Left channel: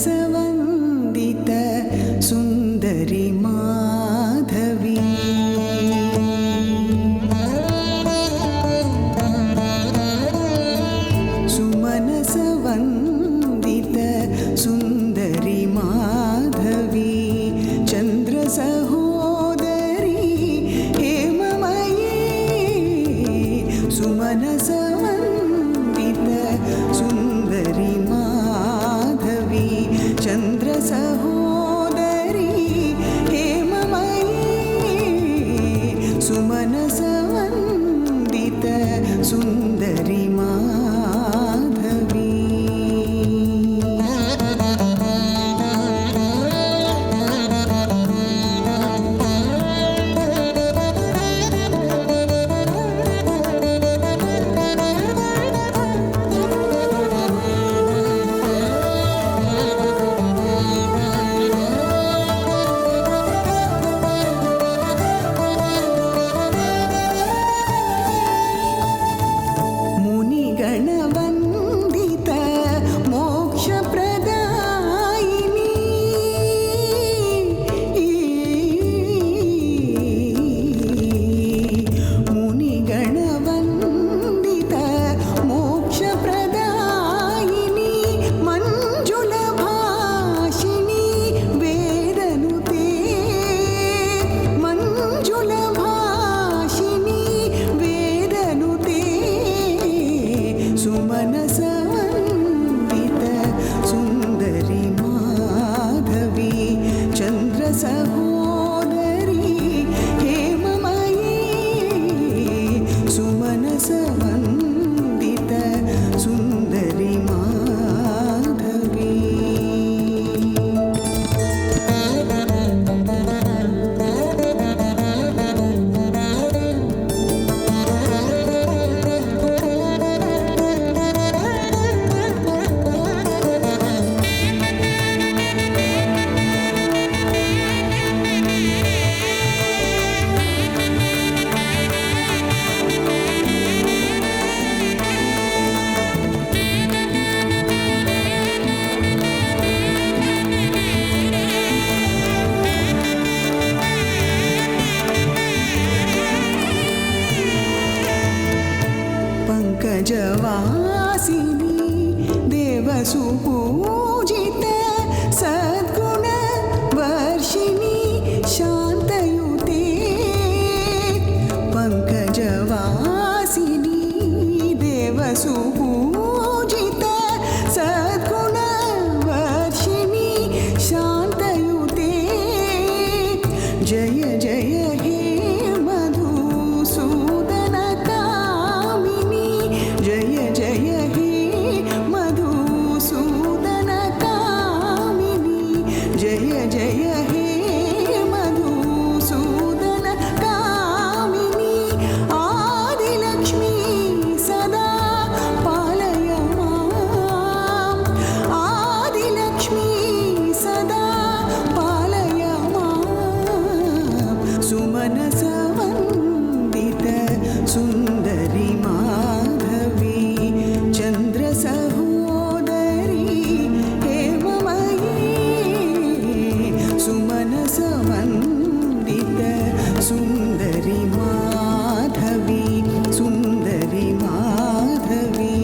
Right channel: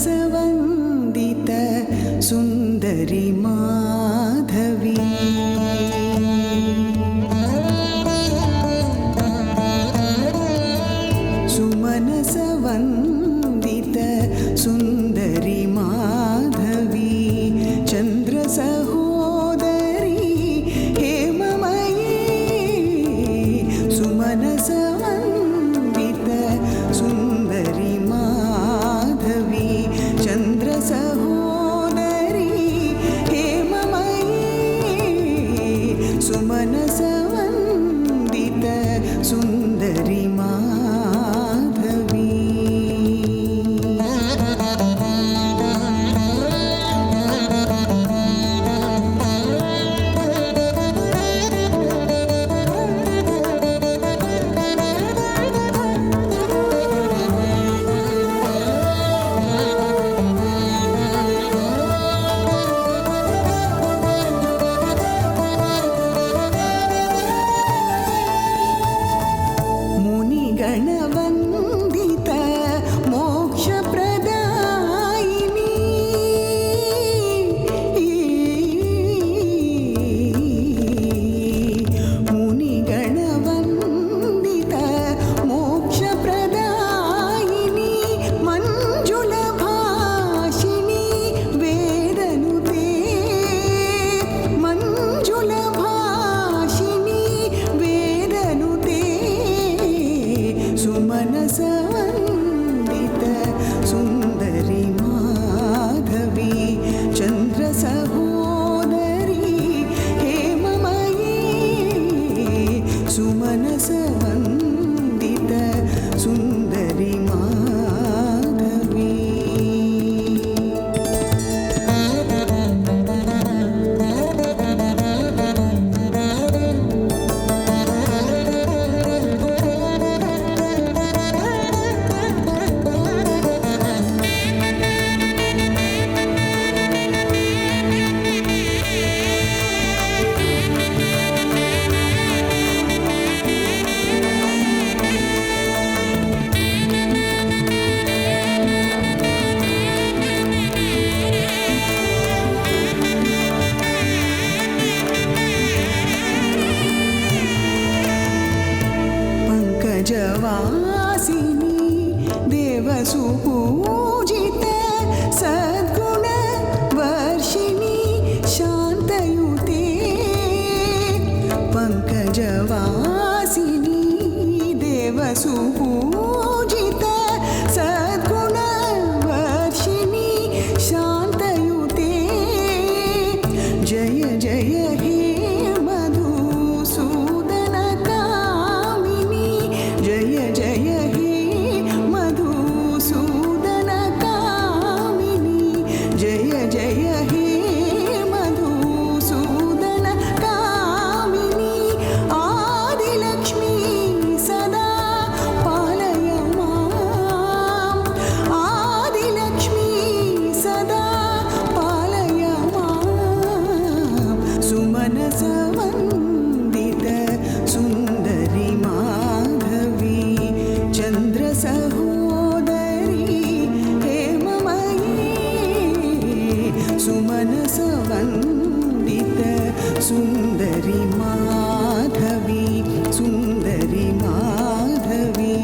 सुमनसवन्दित सुन्दरि माधवी सुमनसवन्दित सुन्दरि माधवी चन्द्रसहोदरी हेममयी सुमनसवन्दित सुन्दरि माधवी चन्द्रसहोदरी हेममयी सुमनसवन्दित सुन्दरि माधवी मुनिगणवन्दित मोक्षप्रदायिनी मुनिगणवन्दित मोक्षप्रदायिनी मञ्जुलभाषिणी वेदनुते मञ्जुलभाषिणी वेदनुते सुमनसवन्दित सुन्दरि माधवी चन्द्रसहोदरी हेममयी सुमनसवन्दित सुन्दरि माधवी पंकजवासिनी देवसुपूजित सद्गुणवर्षिणी शान्तयुते पंकजवासिनी देवसुपूजित सद्गुणवर्षिणी शान्तयुते जय जय हे मधुसूदन जय जय हे मधुसूदन कामिनी जय जय हे मधुसूदन कामिनी आदिलक्ष्मी सदा पालय माम् आदिलक्ष्मी सदा पालय माम् सुमनसवन्दित सुन्दरि माधवी चन्द्रसहोदरी हेममयी सुमनसवन्दित सुन्दरि माधवी सुन्दरि माधवी